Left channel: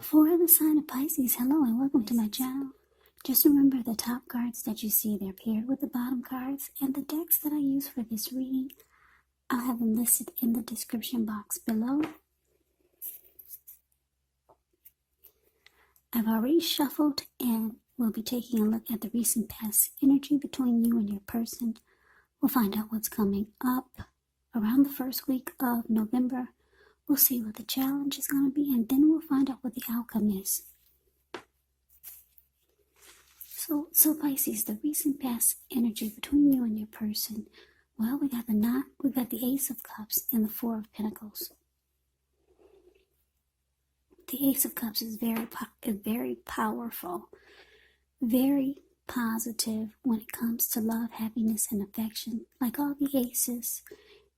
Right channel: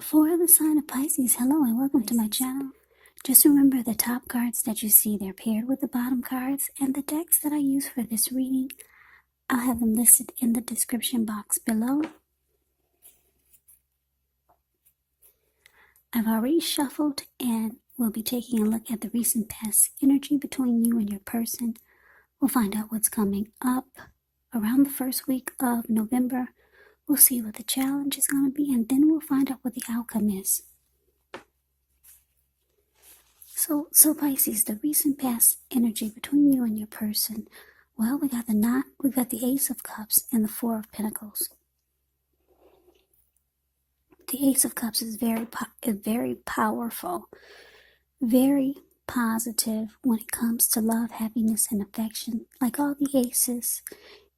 For the sign of Pisces, hello and welcome to my channel. Just remember the top cards that you see, they're paired with the bottom cards, and the decks that I use for this reading, I'll have them listed in the description box below. I've already shuffled and we'll be taking a look at the recent past energy between you and your person. We'll find out what's coming up around the first week of November. We'll see what the challenge is going to be, and then we'll find out what the outcome is. So Pisces, the recent past energy between you and your person. Well, we got the Ace of Cups and the Four of Pentacles. The Ace of Cups is very powerful, very positive when it comes to love, happiness, and affection. Like all the aces,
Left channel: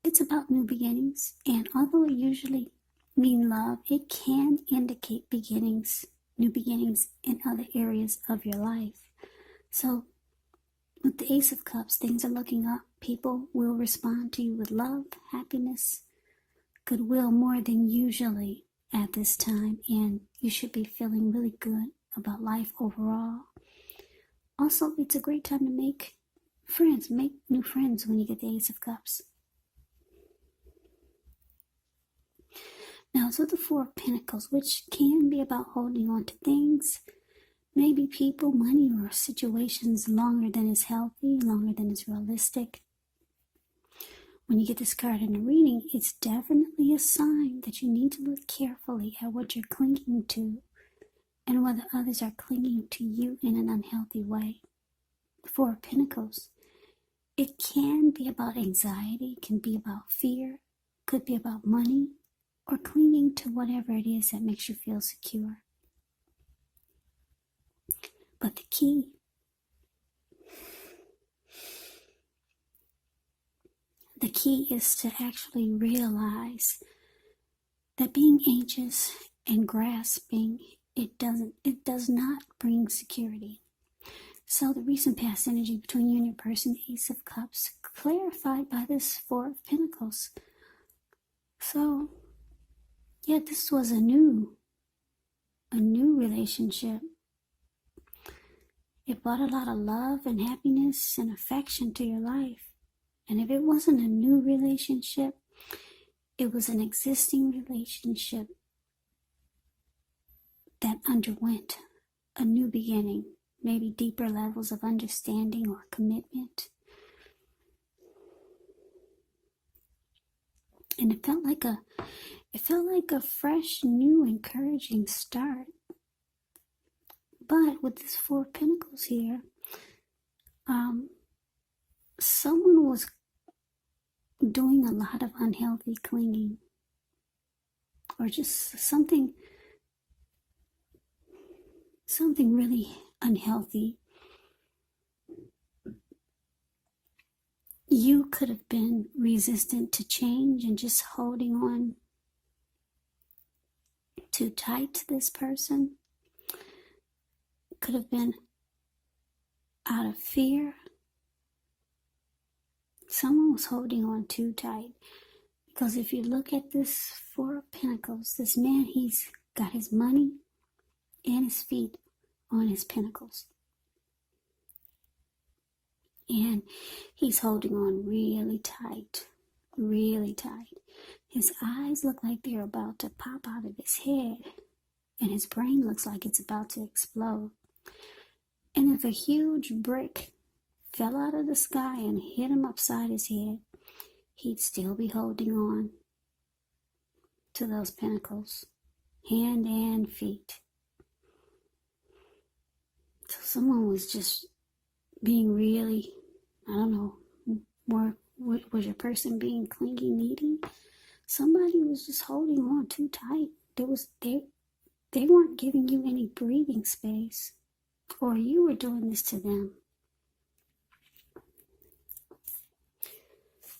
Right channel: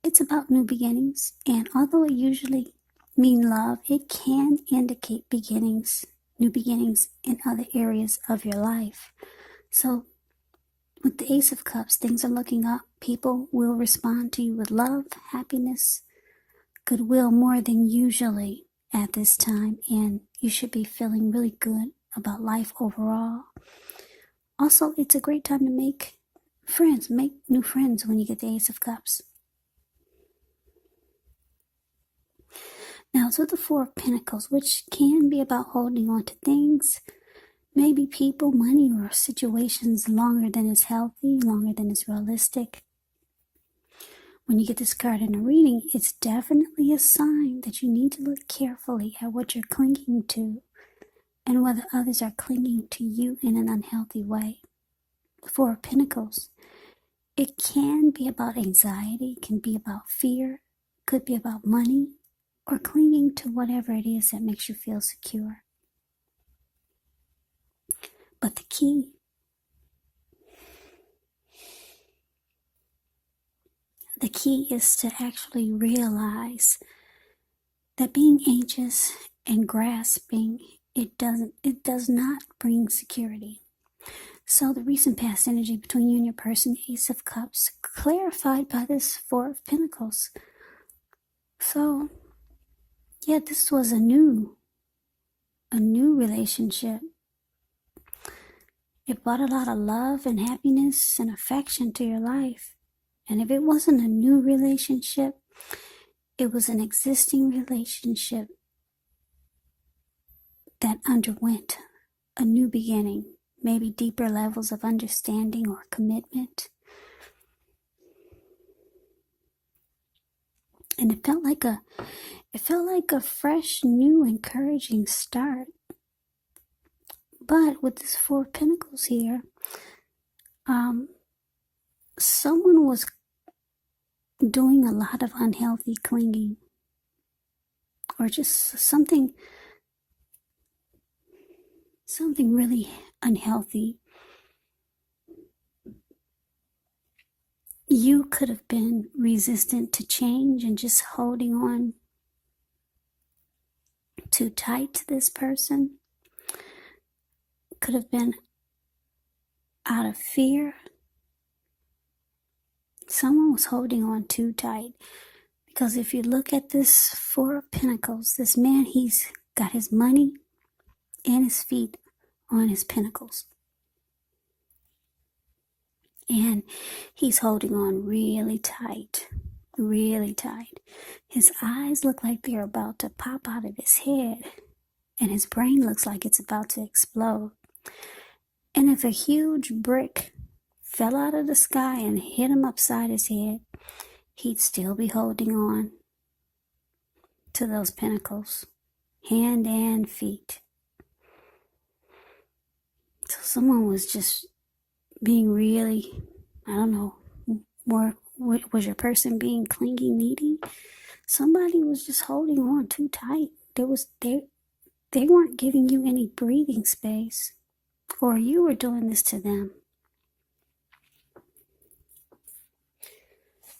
it's about new beginnings, and although it usually means love, it can indicate beginnings, new beginnings in other areas of your life. So with the Ace of Cups, things are looking up. People will respond to you with love, happiness, goodwill more than usually at this time, and you should be feeling really good about life overall. Also, it's a great time to make friends, make new friends when you get the Ace of Cups. Now it's with the Four of Pentacles, which can be about holding on to things, maybe people, money, or situations longer than is healthy, longer than is realistic. When you get this card in a reading, it's definitely a sign that you need to look carefully at what you're clinging to and whether others are clinging to you in an unhealthy way. The Four of Pentacles, it can be about anxiety, it can be about fear, could be about money, or clinging to whatever it is that makes you feel secure. But the key is to actually realize that being anxious and grasping, it does not bring security. So the recent past energy between you and your person, Ace of Cups, clarified by this Four of Pentacles. So yeah, this was a new relationship. It brought a lot of love and happiness and affection to your life. And if it wasn't a new relationship, it was an existing relationship that underwent a new beginning, maybe deeper levels of understanding or commitment. And it felt like a fresh, new, encouraging start. But with this Four of Pentacles here, someone was doing a lot of unhealthy clinging, or just something really unhealthy. You could have been resistant to change and just holding on too tight to this person. Could have been out of fear. Someone was holding on too tight, because if you look at this Four of Pentacles, this man, he's got his money and his feet on his pentacles, and he's holding on really tight, really tight. His eyes look like they're about to pop out of his head, and his brain looks like it's about to explode. And if a huge brick fell out of the sky and hit him upside his head, he'd still be holding on to those pentacles, hand and feet. So someone was just being really, I don't know, was your person being clingy, needy? Somebody was just holding on too tight. They weren't giving you any breathing space, or you were doing this to them.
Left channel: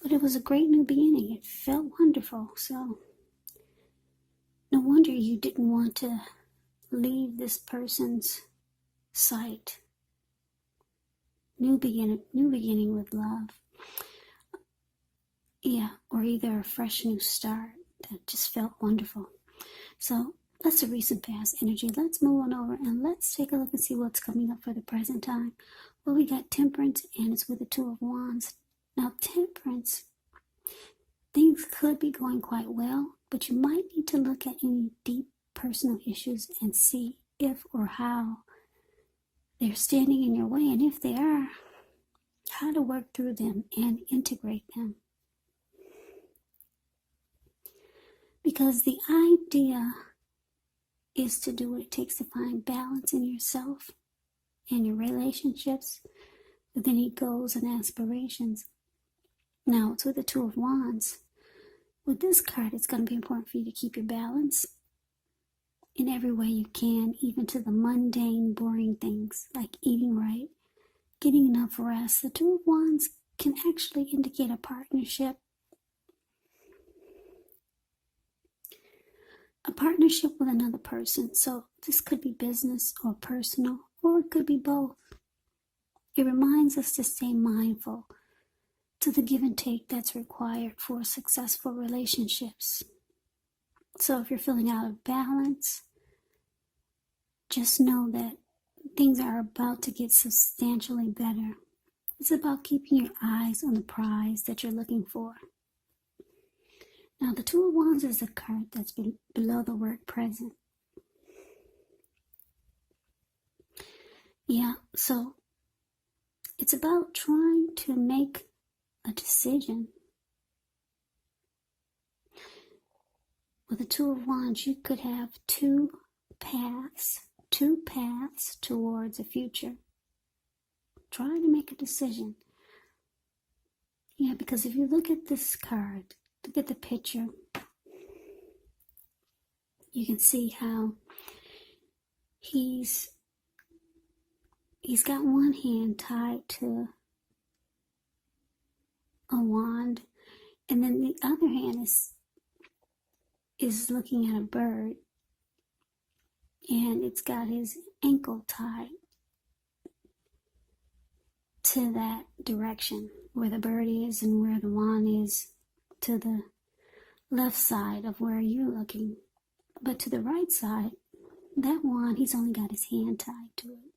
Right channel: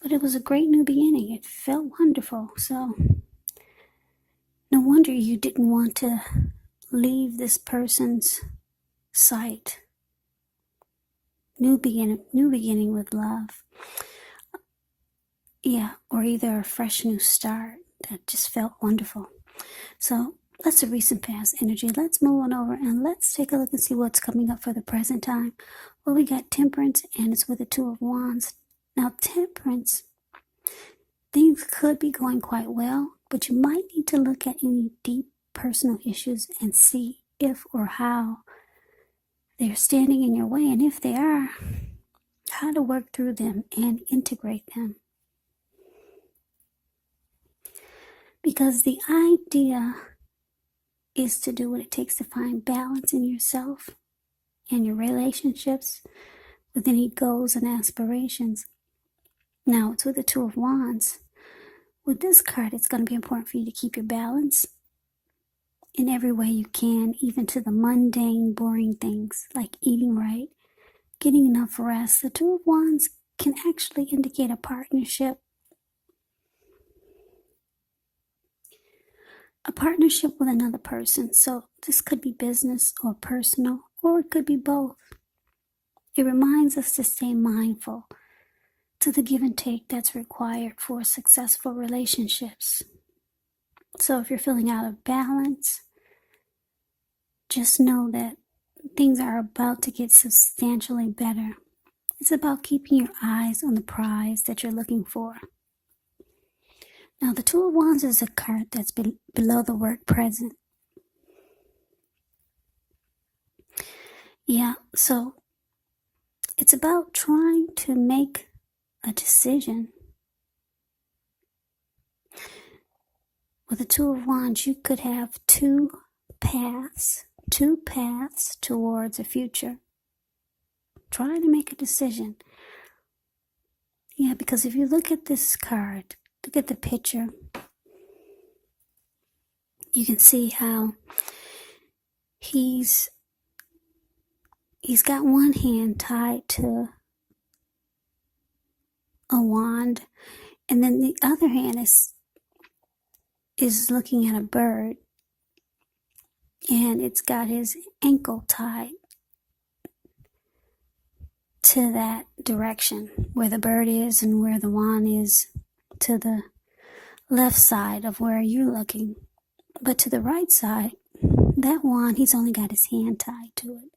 But it was a great new beginning. It felt wonderful. So no wonder you didn't want to leave this person's sight. New beginning with love. Yeah, or either a fresh new start that just felt wonderful. So That's a recent past energy. Let's move on over and let's take a look and see what's coming up for the present time. Well, we got Temperance, and it's with the Two of Wands. Now, Temperance, things could be going quite well, but you might need to look at any deep personal issues and see if or how they're standing in your way, and if they are, how to work through them and integrate them. Because the idea is to do what it takes to find balance in yourself and your relationships with any goals and aspirations. Now, it's with the Two of Wands. With this card, it's going to be important for you to keep your balance in every way you can, even to the mundane, boring things like eating right, getting enough rest. The Two of Wands can actually indicate a partnership. A partnership with another person. So this could be business or personal, or it could be both. It reminds us to stay mindful to the give and take that's required for successful relationships. So if you're feeling out of balance, just know that things are about to get substantially better. It's about keeping your eyes on the prize that you're looking for. Now, the Two of Wands is a card that's below the word present. Yeah, so it's about trying to make a decision. With the Two of Wands, you could have two paths towards a future. Trying to make a decision. Yeah, because if you look at this card, look at the picture, you can see how he's got one hand tied to a wand, and then the other hand is looking at a bird, and it's got his ankle tied to that direction where the bird is and where the wand is, to the left side of where you're looking. But to the right side, that wand, he's only got his hand tied to it,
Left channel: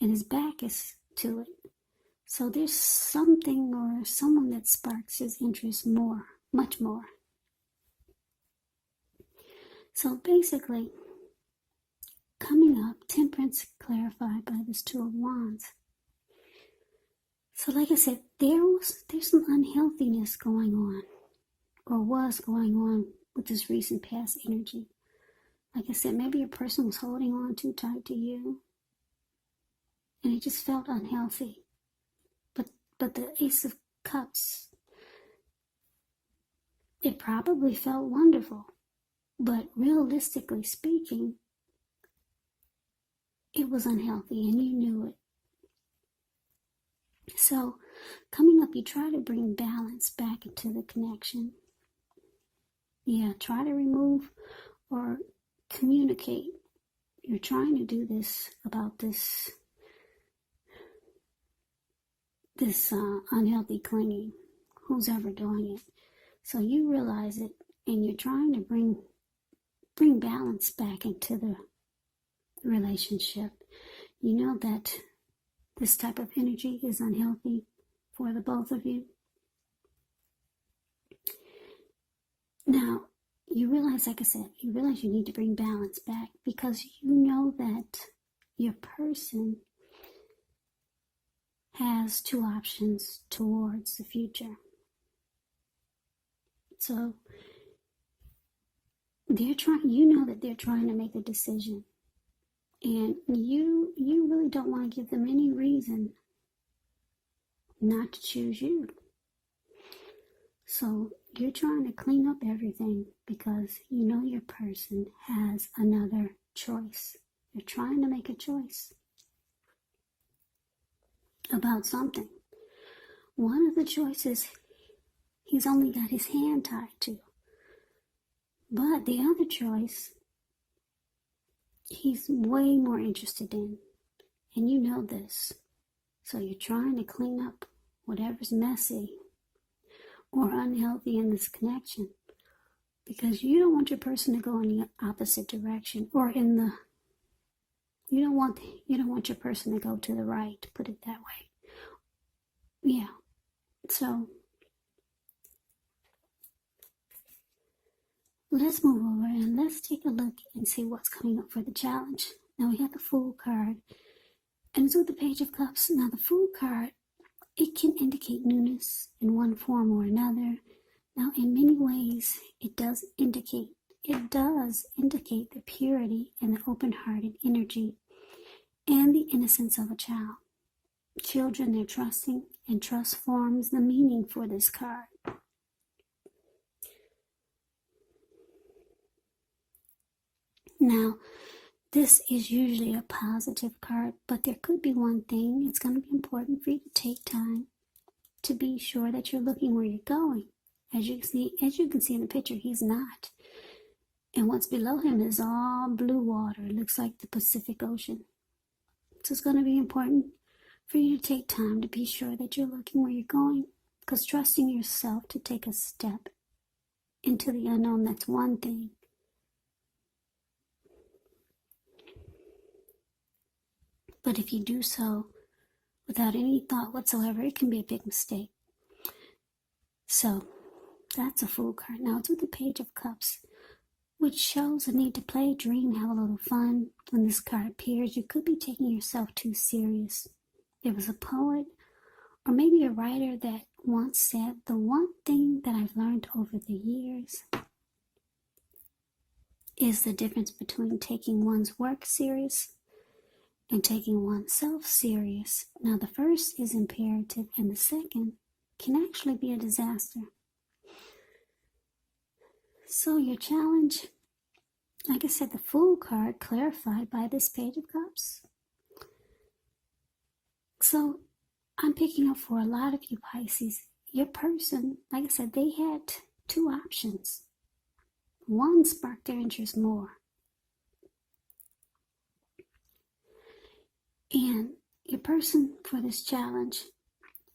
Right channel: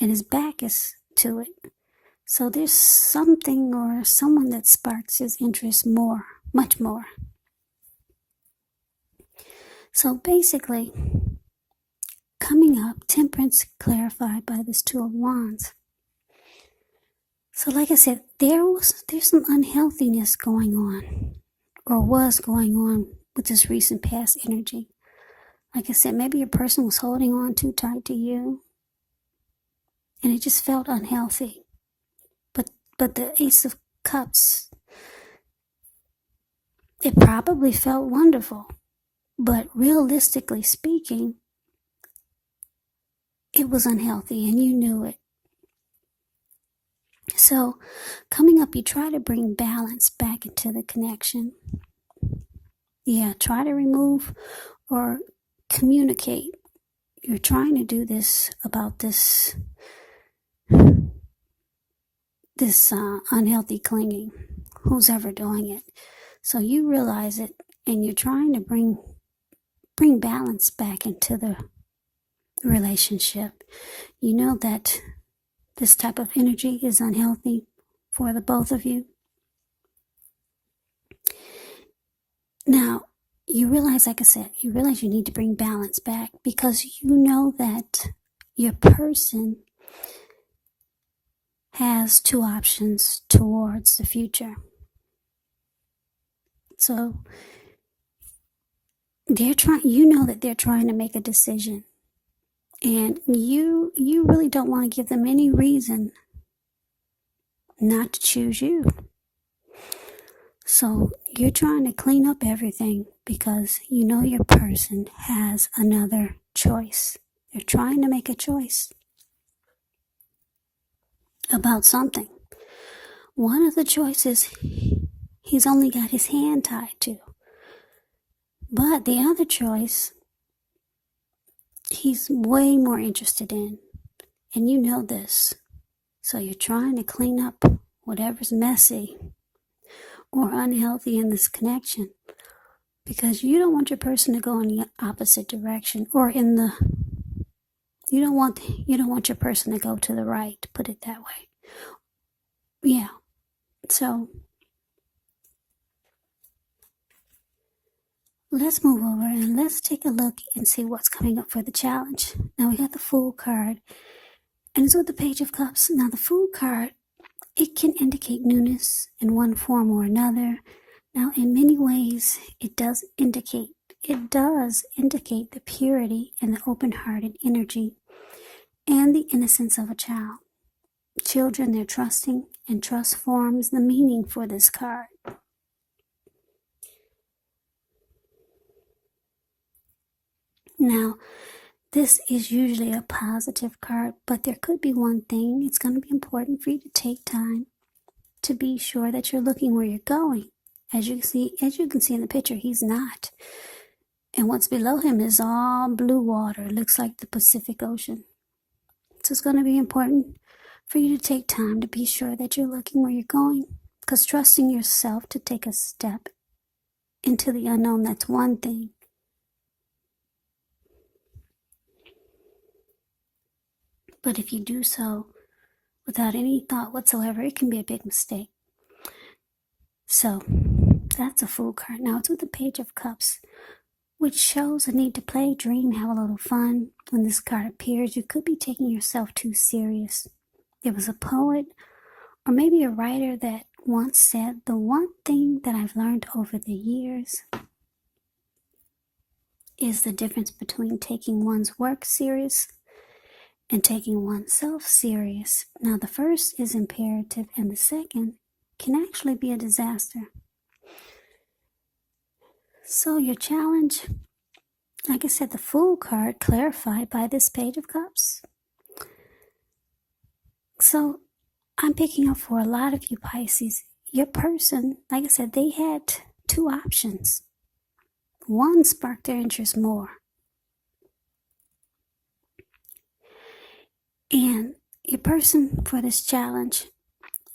and his back is to it. So there's something or someone that sparks his interest more, much more. So basically, coming up, Temperance clarified by this Two of Wands. So like I said, there's some unhealthiness going on, or was going on, with this recent past energy. Like I said, maybe your person was holding on too tight to you, and it just felt unhealthy. But the Ace of Cups, it probably felt wonderful, but realistically speaking, it was unhealthy, and you knew it. So, coming up, you try to bring balance back into the connection. Yeah, try to remove or communicate. You're trying to do this about this unhealthy clinging, who's ever doing it. So you realize it, and you're trying to bring balance back into the relationship. You know that this type of energy is unhealthy for the both of you. Now, you realize, like I said, you need to bring balance back, because you know that your person has two options towards the future. So you know that they're trying to make a decision, and you really don't want to give them any reason not to choose you. So you're trying to clean up everything, because you know your person has another choice. They're trying to make a choice about something. One of the choices he's only got his hand tied to. But the other choice, he's way more interested in. And you know this. So you're trying to clean up whatever's messy or unhealthy in this connection. because you don't want your person to go in the opposite direction, or in the you don't want your person to go to the right, put it that way. Yeah. So let's move over and let's take a look and see what's coming up for the challenge. Now we got the Fool card, and it's with the Page of Cups. Now the Fool card, it can indicate newness in one form or another. Now in many ways it does indicate the purity and the open-hearted energy and the innocence of a child. Children, they're trusting, and trust forms the meaning for this card. Now, this is usually a positive card, but there could be one thing. It's going to be important for you to take time to be sure that you're looking where you're going. As you can see in the picture, he's not. And what's below him is all blue water. It looks like the Pacific Ocean. So it's going to be important for you to take time to be sure that you're looking where you're going. Because trusting yourself to take a step into the unknown, that's one thing. But if you do so without any thought whatsoever, it can be a big mistake. So that's a Fool card. Now it's with the Page of Cups, which shows a need to play, dream, have a little fun. When this card appears, you could be taking yourself too serious. There was a poet or maybe a writer that once said, the one thing that I've learned over the years is the difference between taking one's work serious and taking oneself serious. Now the first is imperative, and the second can actually be a disaster. So your challenge, like I said, the Fool card clarified by this Page of Cups. So I'm picking up for a lot of you Pisces, your person, like I said, they had two options. One sparked their interest more. And your person for this challenge,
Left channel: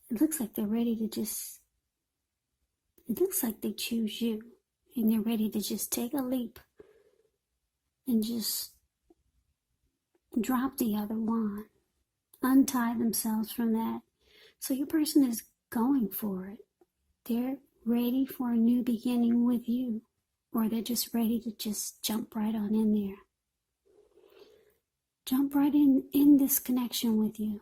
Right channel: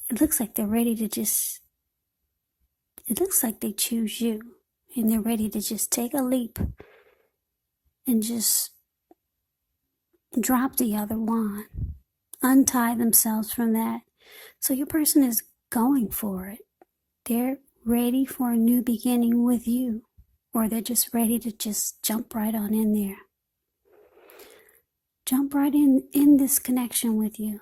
it looks like they're ready to it looks like they choose you. And they're ready to just take a leap and just drop the other one. Untie themselves from that. So your person is going for it. They're ready for a new beginning with you. Or they're just ready to just jump right on in there. Jump right in this connection with you.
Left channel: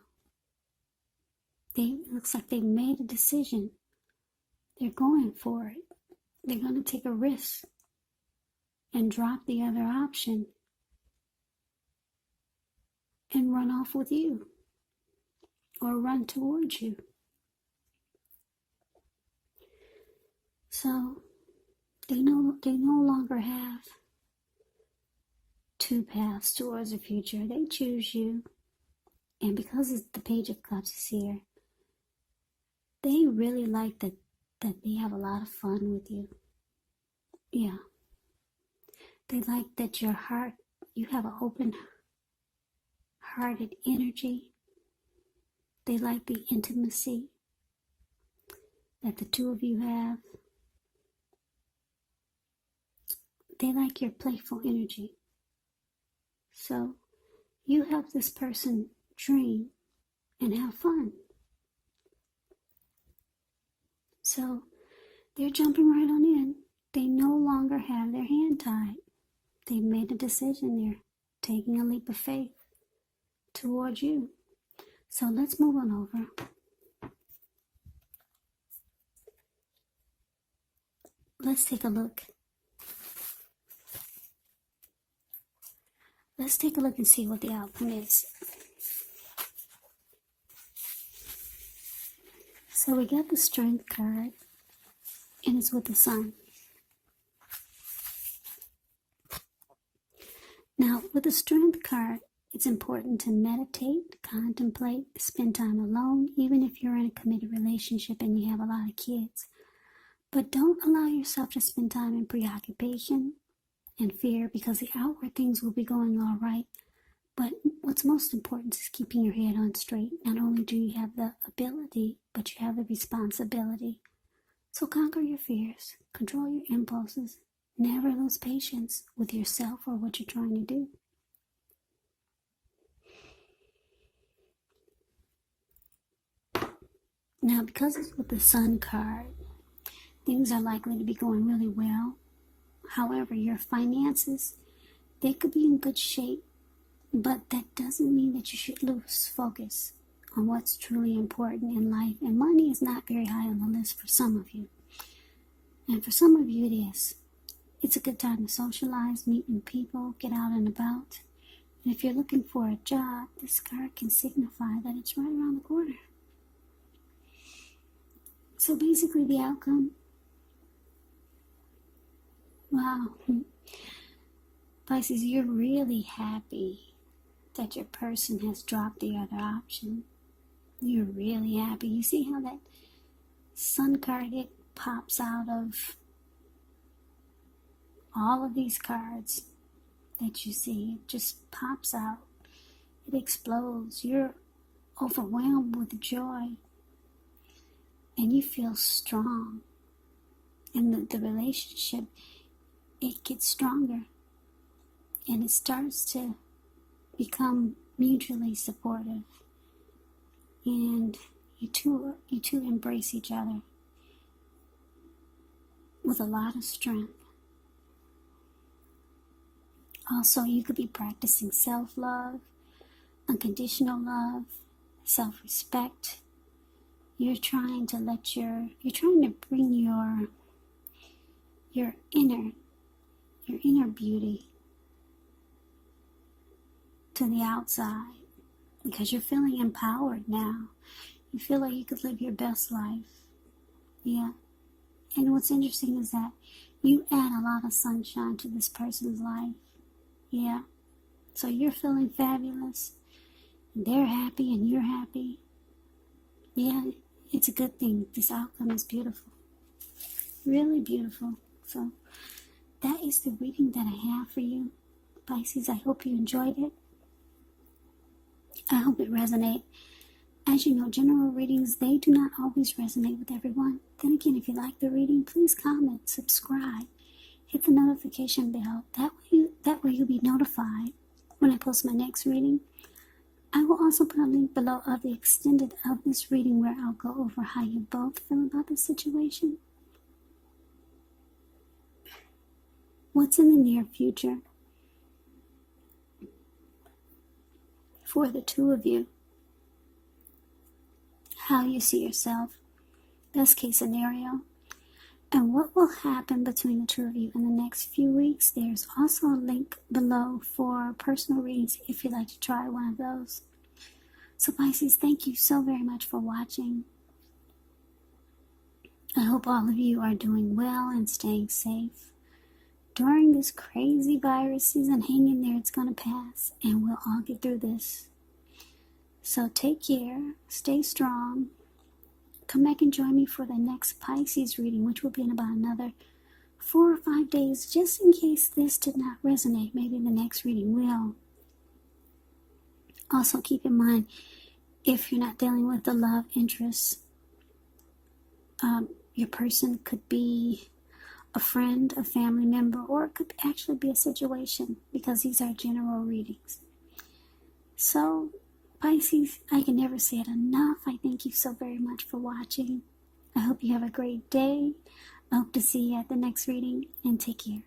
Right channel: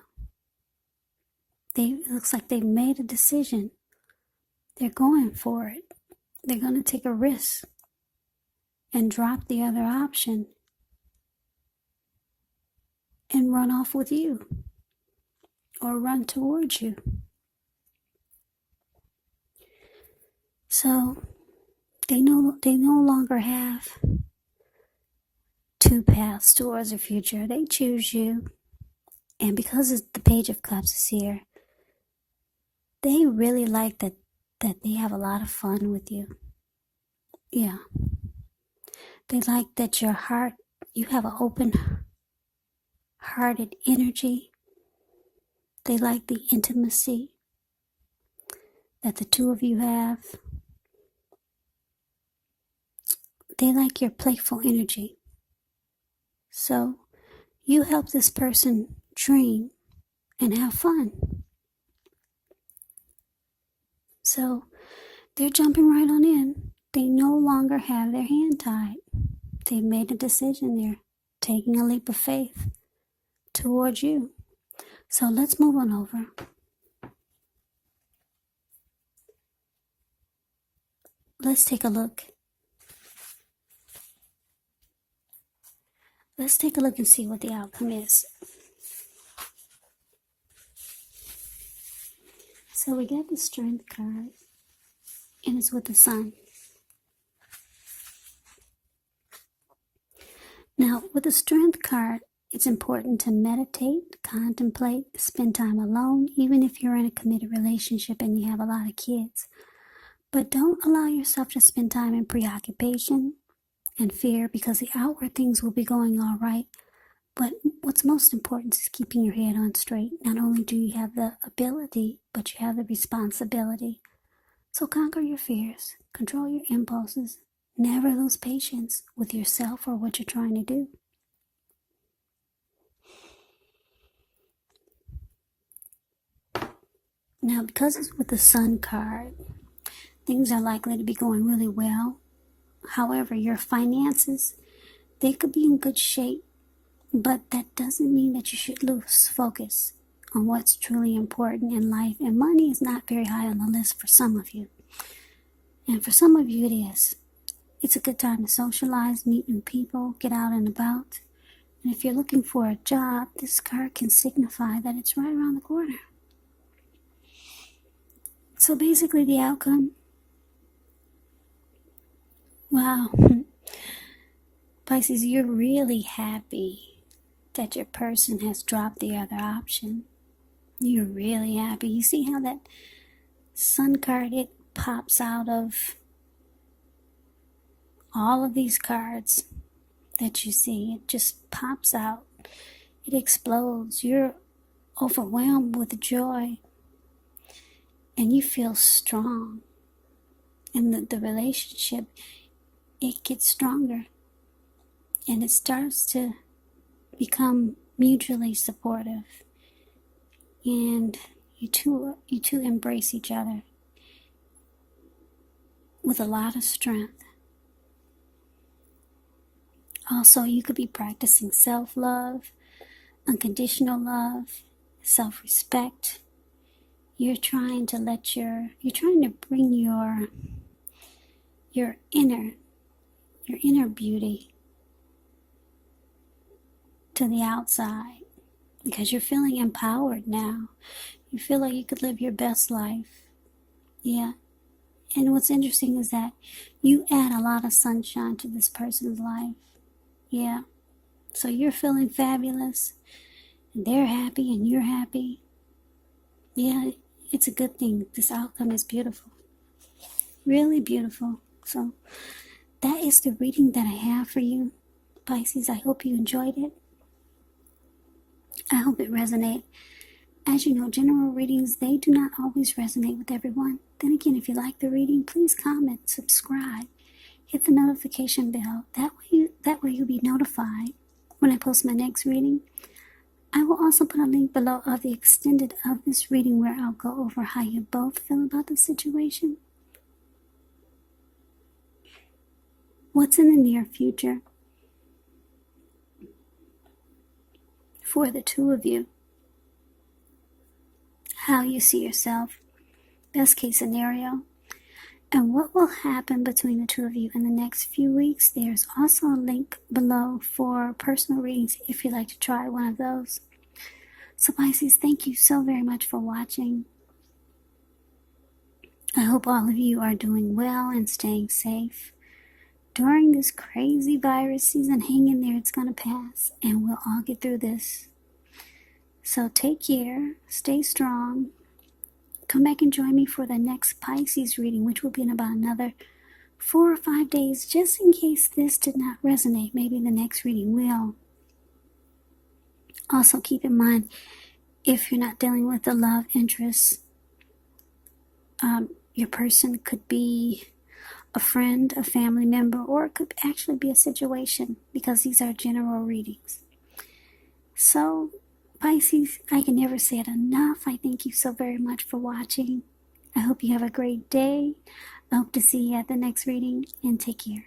It looks like they've made a decision. They're going for it. They're going to take a risk and drop the other option and run off with you or run towards you. So they no longer have two paths towards the future. They choose you. And because the Page of Cups is here, they really like that they have a lot of fun with you. Yeah. They like that you have an open-hearted energy. They like the intimacy that the two of you have. They like your playful energy. So you help this person dream and have fun. So they're jumping right on in. They no longer have their hand tied. They've made a decision. They're taking a leap of faith towards you. So let's move on over. Let's take a look. Let's take a look and see what the outcome is. So we got the Strength card, and it's with the Sun. Now, with the Strength card, it's important to meditate, contemplate, spend time alone, even if you're in a committed relationship and you have a lot of kids. But don't allow yourself to spend time in preoccupation and fear, because the outward things will be going all right. But what's most important is keeping your head on straight. Not only do you have the ability, but you have the responsibility. So conquer your fears, control your impulses, Never lose patience with yourself or what you're trying to do. Now, because it's with the Sun card, things are likely to be going really well. However, your finances, they could be in good shape, but that doesn't mean that you should lose focus on what's truly important in life. And money is not very high on the list for some of you. And for some of you, it is. It's a good time to socialize, meet new people, get out and about. And if you're looking for a job, this card can signify that it's right around the corner. So basically the outcome, wow, Pisces, you're really happy that your person has dropped the other option. You're really happy. You see how that Sun card, it pops out of all of these cards that you see. It just pops out. It explodes. You're overwhelmed with joy. And you feel strong. And the relationship, it gets stronger. And it starts to become mutually supportive. And you two embrace each other with a lot of strength. Also, you could be practicing self-love, unconditional love, self-respect. You're trying to bring your inner beauty to the outside, because you're feeling empowered now. You feel like you could live your best life. Yeah. And what's interesting is that you add a lot of sunshine to this person's life. Yeah. So you're feeling fabulous. And they're happy and you're happy. Yeah, it's a good thing. This outcome is beautiful. Really beautiful. So that is the reading that I have for you, Pisces. I hope you enjoyed it. I hope it resonates. As you know, general readings, they do not always resonate with everyone. Then again, if you like the reading, please comment, subscribe, hit the notification bell. That way you'll be notified when I post my next reading. I will also put a link below of the extended of this reading where I'll go over how you both feel about the situation. What's in the near future for the two of you? How you see yourself, best case scenario, and what will happen between the two of you in the next few weeks. There's also a link below for personal readings if you'd like to try one of those. So Pisces, thank you so very much for watching. I hope all of you are doing well and staying safe during this crazy virus season. Hang in there, it's going to pass, and we'll all get through this. So take care, stay strong. Come back and join me for the next Pisces reading, which will be in about another 4 or 5 days, just in case this did not resonate. Maybe the next reading will. Also keep in mind, if you're not dealing with a love interest, your person could be a friend, a family member, or it could actually be a situation, because these are general readings. So, Pisces, I can never say it enough. I thank you so very much for watching. I hope you have a great day. I hope to see you at the next reading, and take care.